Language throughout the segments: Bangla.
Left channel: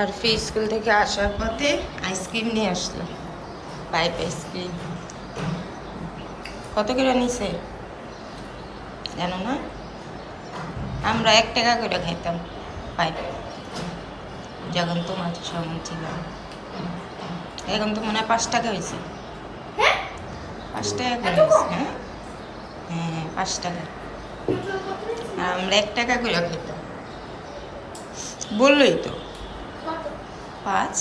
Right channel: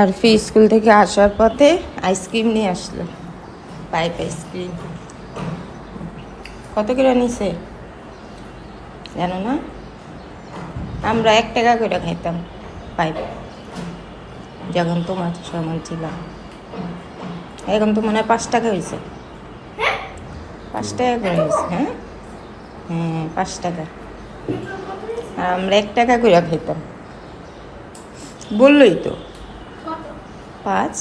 আর ফি স্কুল থেকে আসার পথে আইসক্রিম নিয়ে আসলো। Pipe ice cream. কত করে নিছে? জানো না? আমরা এক টাকা করে খাইতাম পাইপ। যখন তোমার সমান ছিলাম। এখন তো মনে হয় পাঁচ টাকা হয়েছে পাঁচ টাকা করে হয়েছে হ্যাঁ? হ্যাঁ পাঁচ টাকা। আর আমরা এক টাকা করে খেতাম বললোই তো। পাঁচ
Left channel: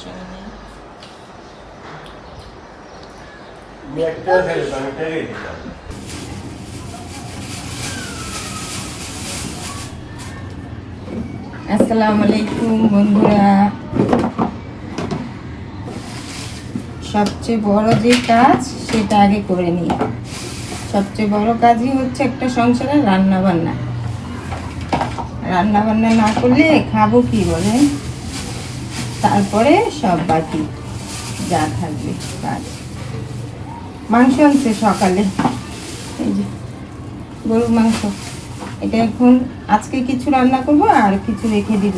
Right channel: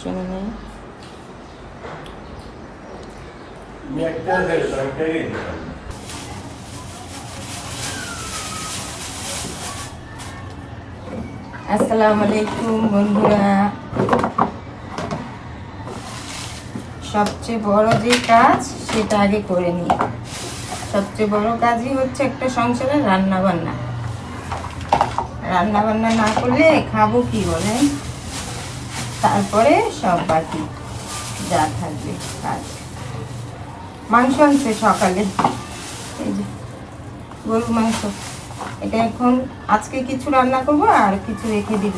শোনো নেই। আসসালামু আলাইকুম বন্ধুরা। সবচেয়ে বড় যে কাজ সেটা আগে করে নিই। সবচেয়ে বড় কাজই হচ্ছে একটা সংসারে রান্না বান্না রান্না বান্না না করলে খাব কি বলে তারপরে সব বাকি যা থাকবে কাজ। মাংস আনছে সকালে। এই যে, গরুর মাংস। এটা এখন আজকে কিছু রান্না করব আর কিছু রেখে দিব।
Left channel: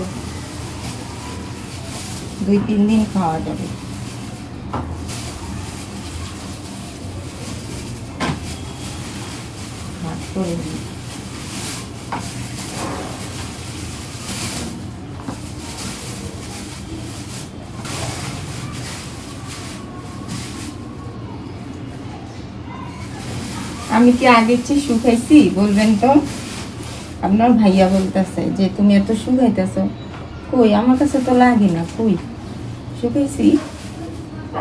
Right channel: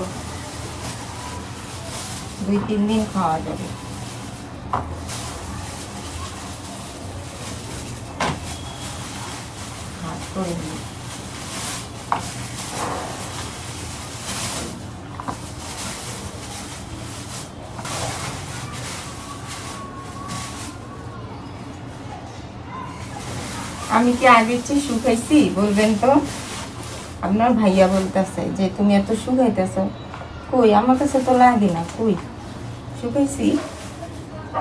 দুই, তিন দিন খাওয়া যাবে। আমি কি আগের চেয়ে শুকাইছি বলবেন তো। আপনার ভাইয়া বলতেছে যে, তুমি এত শুকাইতেছ কই? আমার কাছে তো লাগে না। কই? শুকাইছি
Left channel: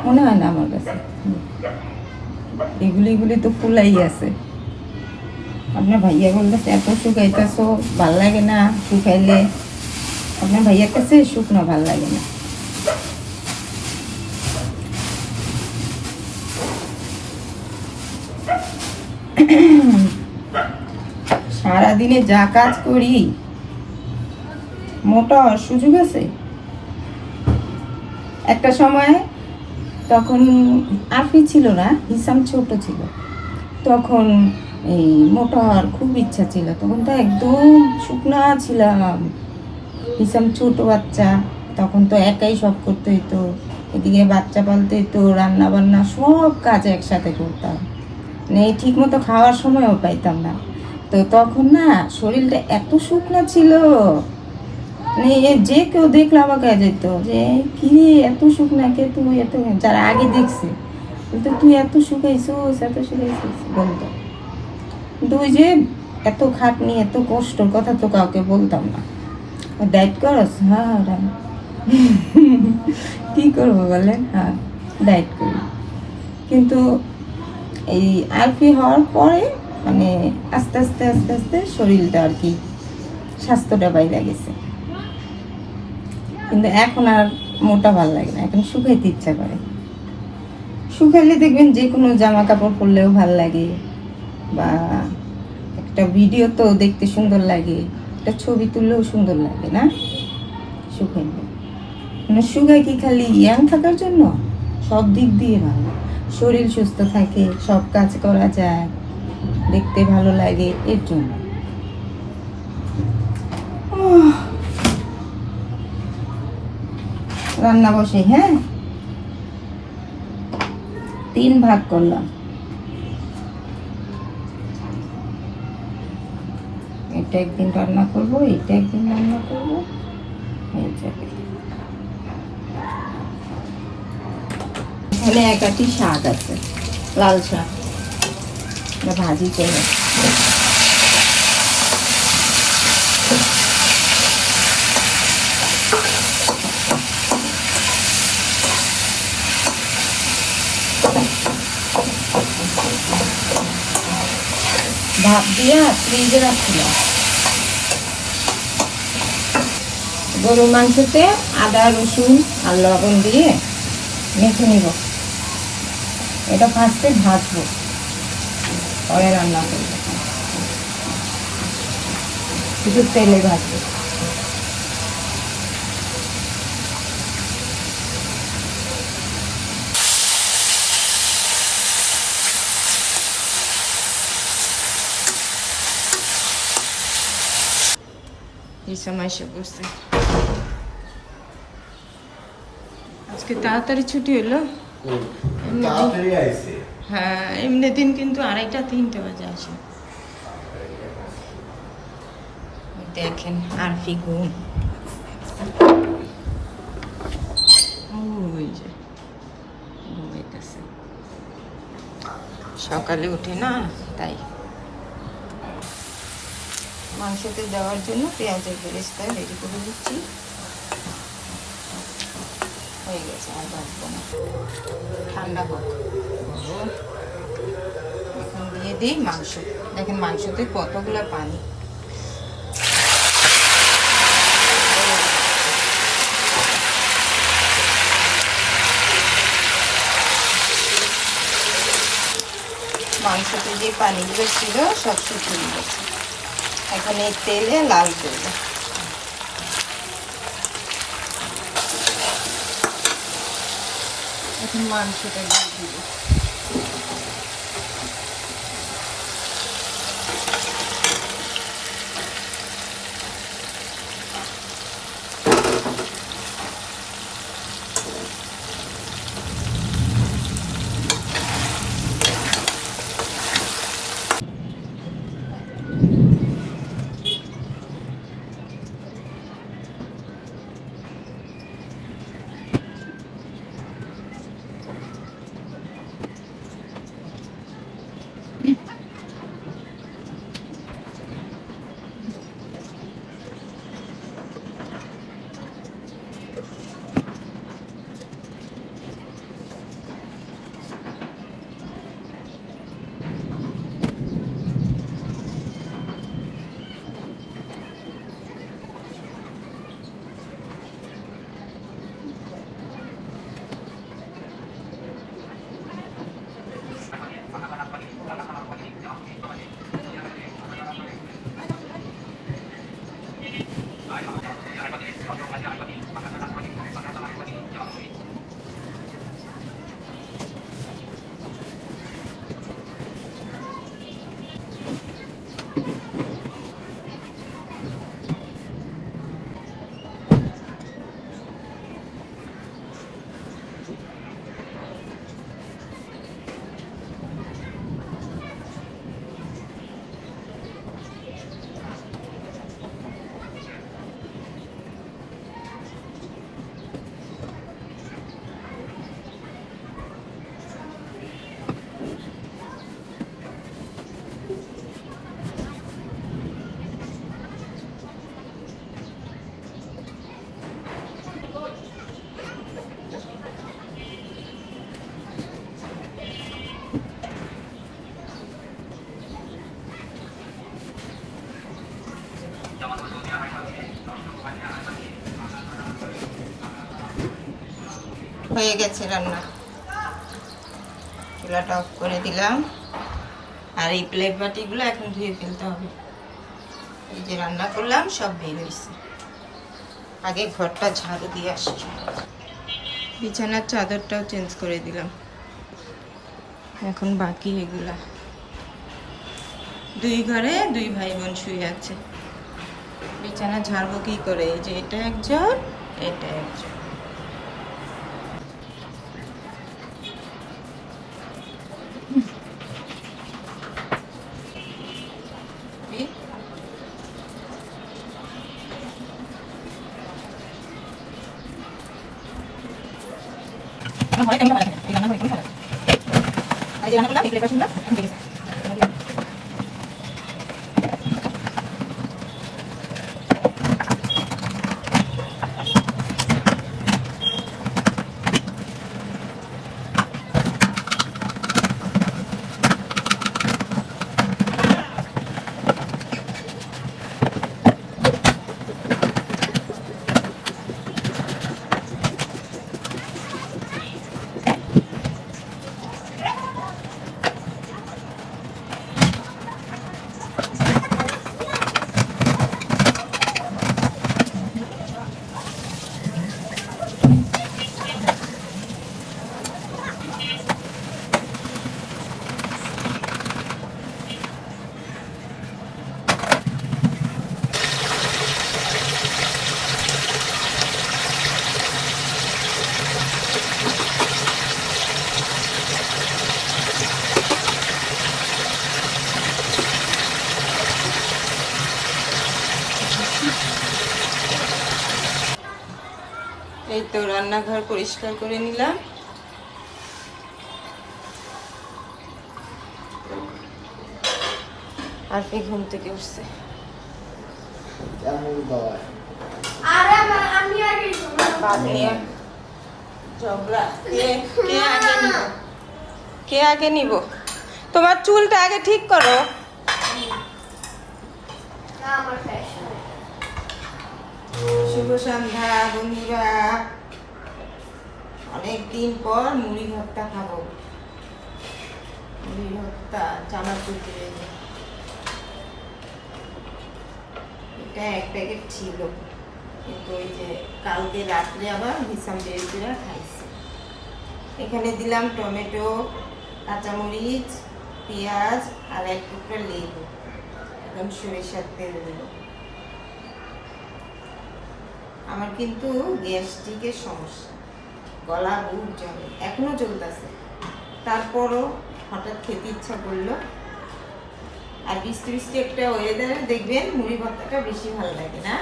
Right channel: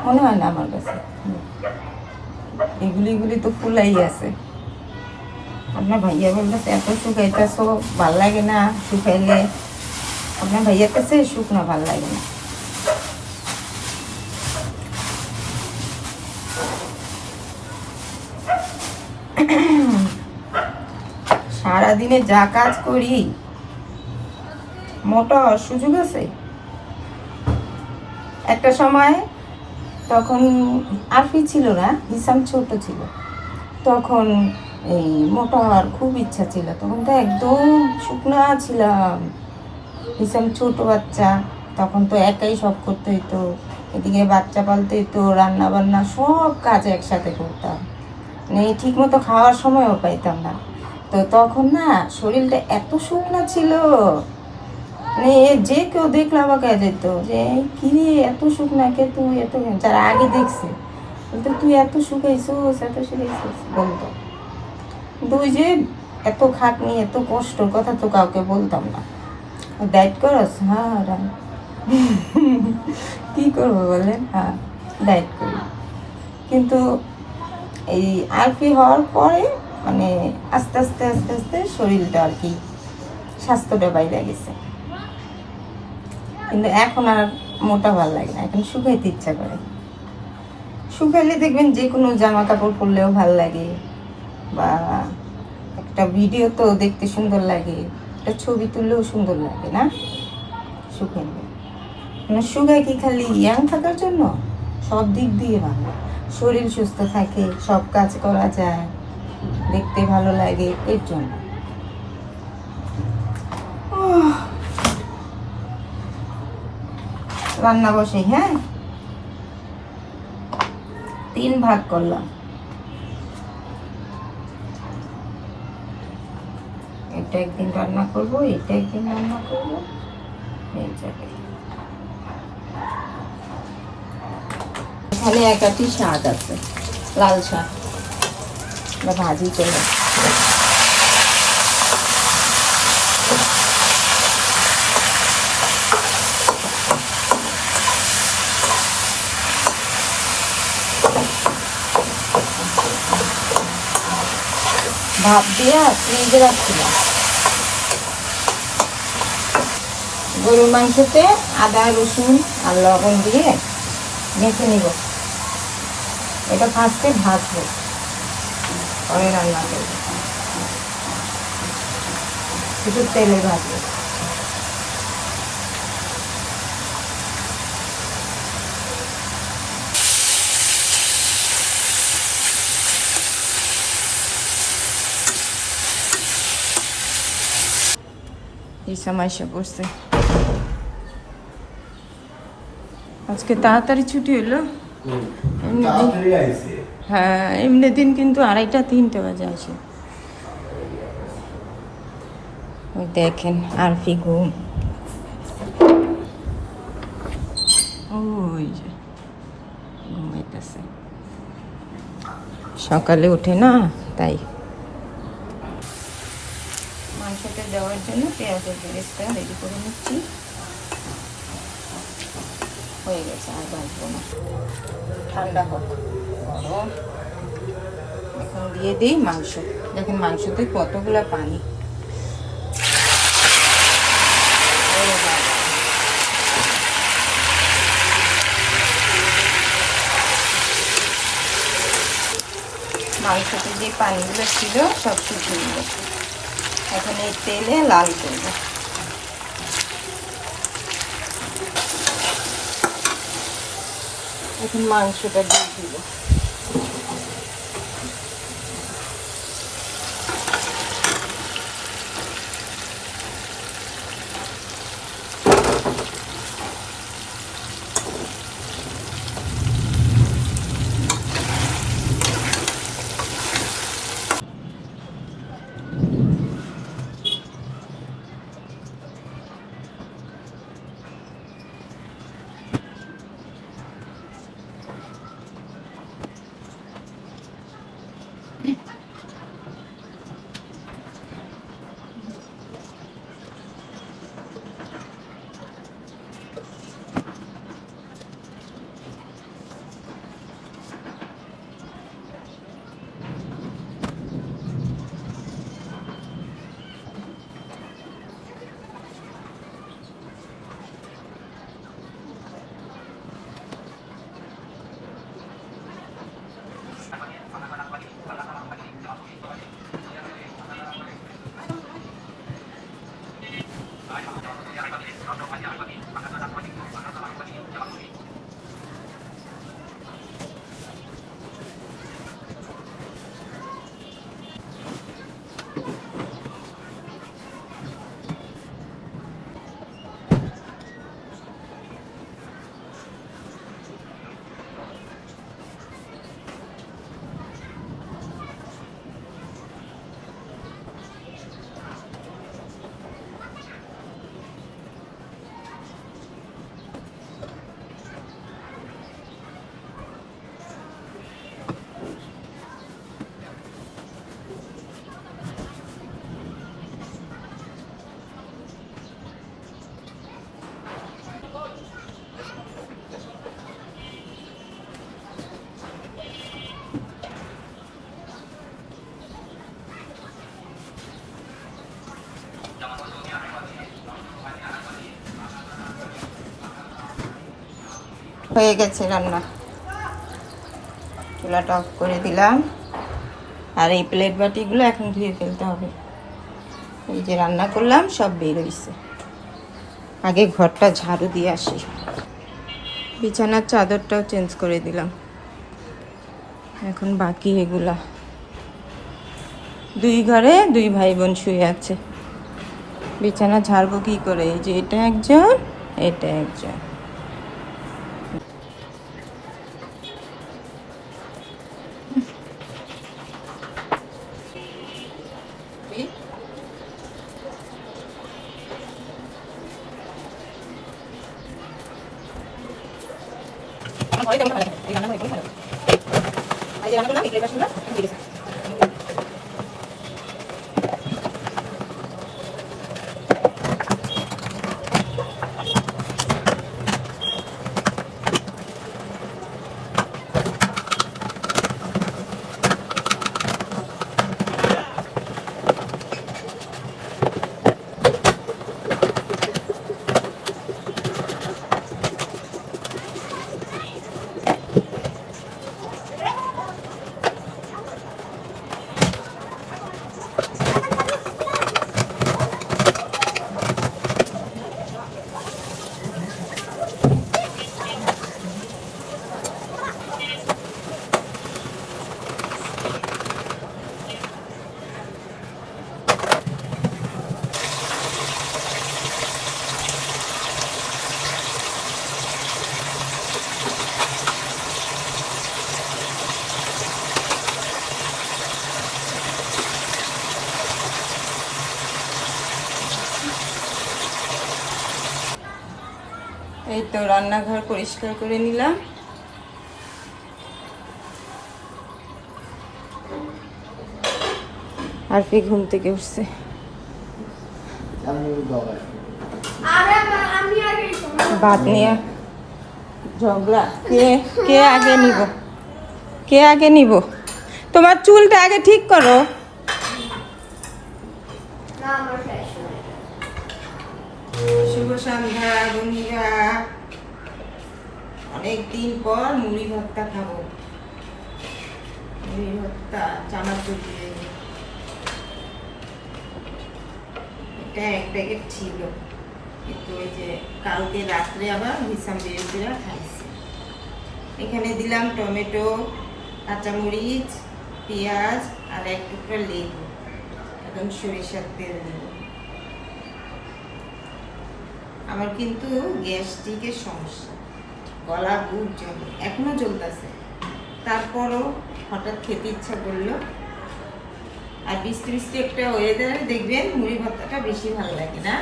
মনে হয় না আমার কাছে। এগুলি এগুলি তো ফুলাই আছে। আপনার ভাইয়া বলতেছে, এত শুকাইতেছ ভালো লাগে না শুকাইলে আপনার ভাইয়ার কাছে শুকনো ভালো লাগে না। সারাদিনে যা কাজ করি। মোটা সুযোগ আছে? একটা সময় তখন আরফি ছিল না, হিসাম ছোট ছিল। তখন এই মোটা হওয়ার খুব ইচ্ছা ছিল। তখন তো একদম শুকনা ছিলাম। হিসাম ছোট বাচ্চা, তখন তো একাই সব করতে হইতো। এদিকে বাচ্চা পালতে হইতো রান্না বান্না সব কাজ একসাথে করতাম। মানে ঠিক মতো খাওয়ার সময়ও পাইতাম না। তো তখন না শরীরটা এত শুকনা ছিল। মানে যে কেউ দেখলে আমাকে যেত যে কিরে এত শুকনা কে তুই? এত যারা আগে দেখছে। বলতো, তুই এত শুকাইছিস এত শুকাইছিস, বলতো। কিন্তু যে এত খাটনি, এত কষ্টর কথা তো কাউকে বলতাম না। ডায়েট করস? হ্যাঁ কি করব বলেন? হ্যাঁ ডায়েট করি। কিন্তু এই আরফি হওয়ার পরে মানে আস্তে আস্তে আস্তে আস্তে শরীরটা আর কি স্বাস্থ্যটা বাইরে গেছে। কিন্তু এখন আর মোটা ভালো লাগে না, এখন শুকাইতে ইচ্ছা করে। শুকাইলে দেখবেন যে কোনো জামা কাপড় পরলেও ভালো লাগে, বা একটা ভিডিও তো দেখতে সুন্দর লাগে, একটা ছবি তুললেও সুন্দর লাগে না? শুকাইলে। মানে শুকাই কি খালি ইয়াং থাকার জন্য? সব দিক দিয়ে ভালো। শরীর সুস্থ থাকে, সব কাজ করা যায়। দেখতে ভালো লাগে এর জন্য। রান্না বসে হ্যাঁ? তিন ভাগ করলাম। এটা একদিন রান্না করব, এটা একদিন রান্না করব, হয়ে যাবে। এখানে একাটি শাক আছে, লাল শাক এটা ভাজি করে ভাত দিয়া ফ্রিজে রাখছিলাম। গরু মাংসতে আদা, রসুন আর লবণ দিয়ে মেখে নিব। এটা ফার্স্টে ভাজবো। পরে রান্না করব কিছু তেলে ভাজবো। এই সময় সে বসে। আজকে তাড়াতাড়ি ছুটি হলো। হ্যাঁ এমনি দিন কিন্তু আড়াইটা তিনটে বাজে আসে দেখেন আরফি ঘুম। ওই যে ঘুমাইতেছে। সকালে উঠে না তাই। মাংসতে দেওয়ার জন্য পেঁয়াজের বেরেস্তা রেডি করে নিচ্ছি। হয়ে গেছে, আর বাঁচবো না। ঠান্ডা হোক। গরম এখন দিয়ে দিই মাংস। দেখেন মাংসতে কতগুলো পানি। মাংসতে যে পানিগুলো ছিল, সব শুকিয়ে গেছে। এখন এই তেলে লাল করব এখন মাংসটা দিয়ে দিব হয়ে গেছে রান্না। চুলাটা অফ করে দিলাম। আর এই প্লেট বাটিগুলো এখন ধুয়ে ফেলতে হবে। এই যে রান্না করলাম, সব বের হয়েছে। আগে ঘরটা ঝাড়ু দিয়ে আসি বিছানার চাদরটাও চেঞ্জ করে দিলাম। এখন বাকি এগুলা। দুই ঘরে দুই ভাই বোন শুয়ে আছে। বিছানা ঝাড়বো কি করে? এই যে এটা একজন এটা একজন। এই তো রান্নাঘর পরিষ্কার করে নিলাম। আর কি ঘুম থেকে উঠছে? ভাত নিয়ে। ঝগড়া। কে কে আগে নিব? কে আগে নিব? তোমার চুলটা আগে ঠিক করো। শুভ সন্ধ্যা, বন্ধুরা। অনেক দিন পর মুড়ি ভর্তা খাব। মুড়ি ভর্তা চানাচুর দিয়ে। এটা এক প্যাকেট ছিল। কিন্তু ওই যে কালকে রাত্রে আবার হিসাম বেরেজিরা খাইছে। এখানে দিলাম টমেটো, কাঁচামরিচ, পেঁয়াজ আর এক টুকরা লেবু। এখন সরিষার তেল দেবো। আমার কিন্তু গ্যাস্ট্রিকের সমস্যা। গলা বুক জমে এখনও চলতেছে তারপরও হঠাৎ খেতে ইচ্ছা করল। আর বৃষ্টি বৃষ্টি একটা ওয়েদারে দেখবেন মুড়ি ভর্তাটা বেশি ভালো লাগে না?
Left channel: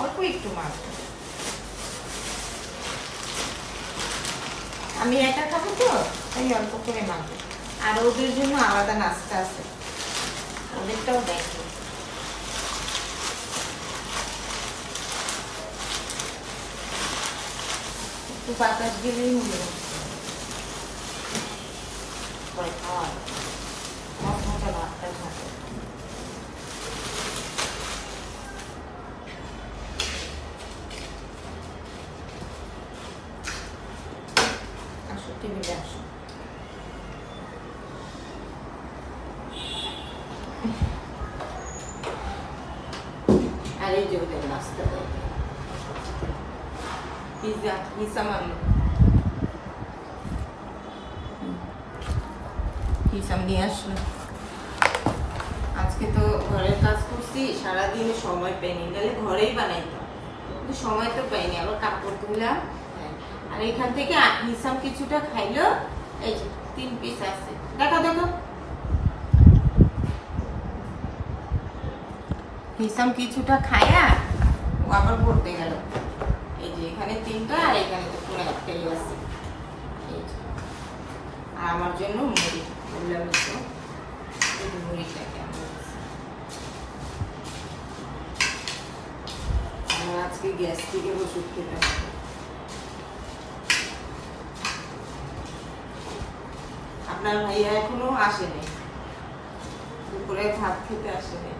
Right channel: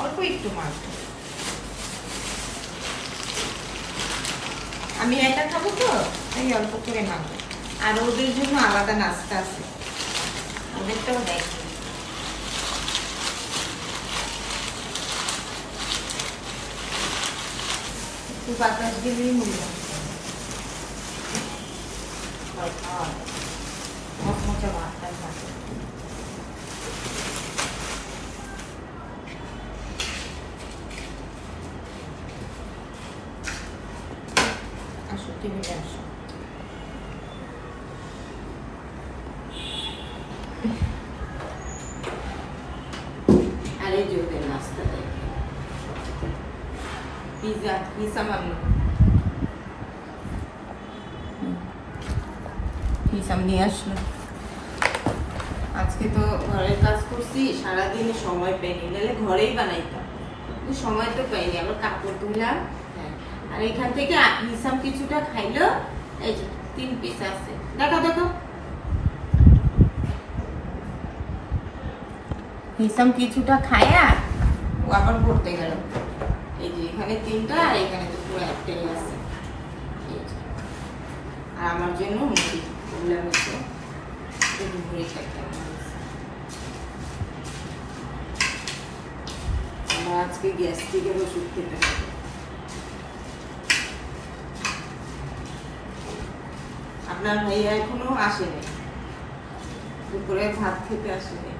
অল্প একটু মাছ। আমি একা খাব তো, তাই অল্প করে মাখবো। আর ওদের জন্য আলাদা নাস্তা আছে। ওদেরটাও দেখো একটু বাতাস দিলেই মনে হয় পরে খাওয়া হবে। মচমচে ভাতটা খাবে। আসো টেবিলে আসো ওদের নাস্তা দেয় পিজা পিজা মামলো হিসাব নিয়ে আসলো আজকে তো ঘরের কাজ করছি সারাদিন সময় পাইনি নাহলে ঘরেই বানাইতাম কিন্তু সময় তো পাইনি আবার কাপড় হ্যাঁ। আর এখান থেকে হিসাম কিছুটা খাইলো এই তিন পিস আছে দেখো দেখো হিসাম কিছুটা খায়া ও আবার পড়তে গেল। এই যে এখানে তিনটা আর এখানে তো পুরো একটাই আছে। আর আমার জন্য মুড়ি বললাম একটু মুড়ি খাইতে আমার আজকে ওষুধ খেতে আপনার ভাইয়া এখনও আসেনি। দুপুরে ভাত খেতে আসেনি।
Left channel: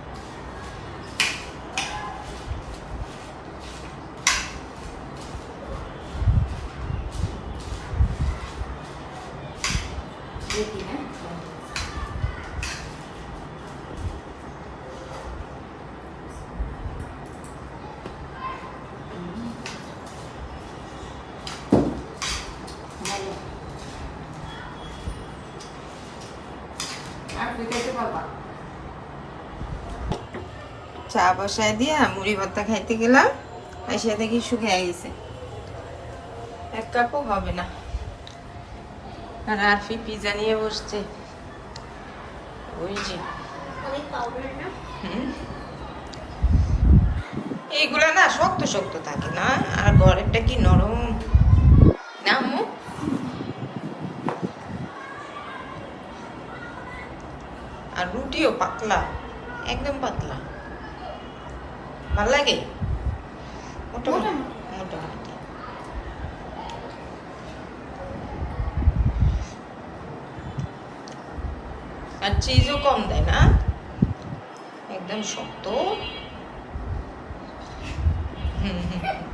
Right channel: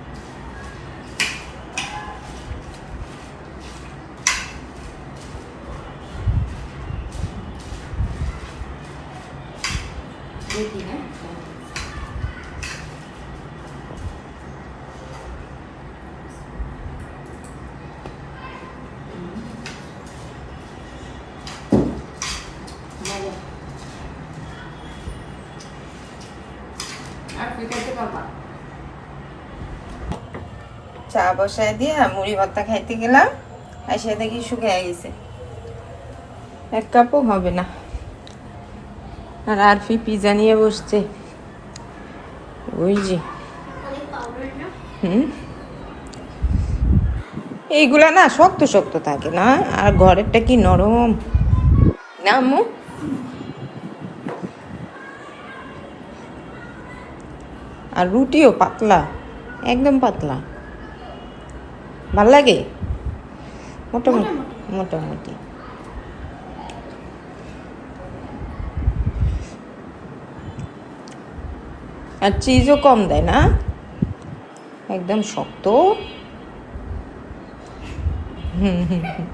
আর পারবা। চা বসায় দিয়ে মুড়ি ভর্তা খাইতে গেলাম এসে দেখি শুকিয়ে গেছে। এক কাপও হবে না। আর আরফি পিজা নিয়ে বসছে। ওই যে। হুম? এইগুলা না শক্ত শক্ত থাকে না আর ঘরেরটা কি নরম। না আম্মু? আর রুটিও পাতলা একদম পাতলা। ভালো লাগে? মোটামুটি মোটামুটি। আর চিজও কম দেয় না? একদম শক্ত। হুম হুম হুম।